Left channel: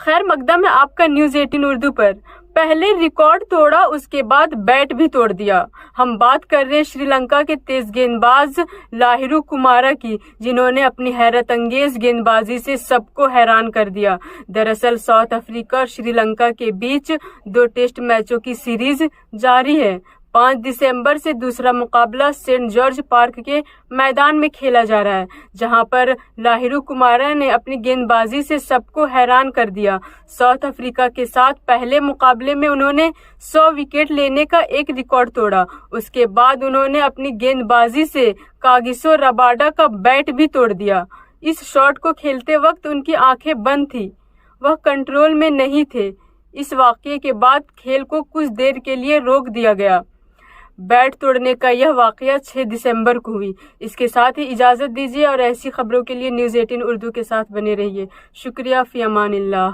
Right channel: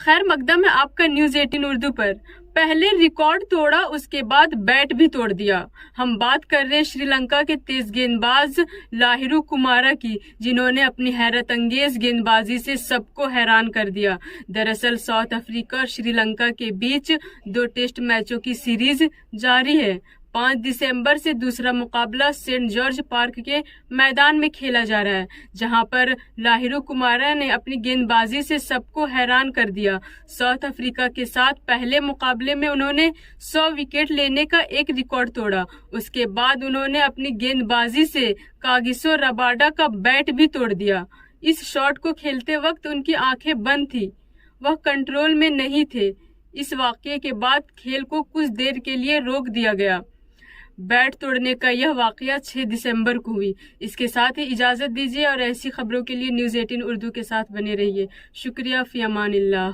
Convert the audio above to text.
خیر مقدم ہے آپ کا نیوز 18 اردو پر۔ پہلے ریکارڈ توڑا، اس کے بعد بیٹ بھی توڑ دیا۔ ہم بات کر رہے ہیں شری لنکا کے تیز گیند باز لاہیرو کمارا کی، جنہوں نے اپنی حیرت انگیز گیند بازی سے سب کو حیران کر دیا۔ دراصل ساؤتھ افریقہ اور شری لنکا کے بیچ 2 ٹیسٹ میچوں کی سیریز جاری ہے۔ 5 دسمبر سے دوسرا مقابلہ سینٹ جارج پارک کے میدان میں کھیلا جا رہا ہے، جہاں پر لاہیرو کمارا نے اپنی گیند بازی سے سب کو حیران کر دیا۔ ساؤتھ افریقہ کے ساتھ پہلے مقابلے میں انہوں نے 100 وکٹ لینے کا ایک ریکارڈ توڑا۔ اس کے بعد انہوں نے اپنی گیند بازی سے کاگیسو رباڈا کا بیٹ بھی توڑ دیا۔ اس شاٹ کو کھیلتے وقت ان کی آنکھیں بند تھیں، وہ کنٹرول میں نہیں تھے۔ اس واقعے کے بعد کھیل کو کچھ دیر کے لیے روک دیا گیا۔ بیٹ توڑنے کا یہ واقعہ 6 دسمبر کو ہوئی۔ اس کے ساتھ ہی اجازت دیجیے اور ایسی خبروں کے لیے نیوز 18 اردو کے ساتھ بنے رہیے۔ شکریہ، فی امان اللہ۔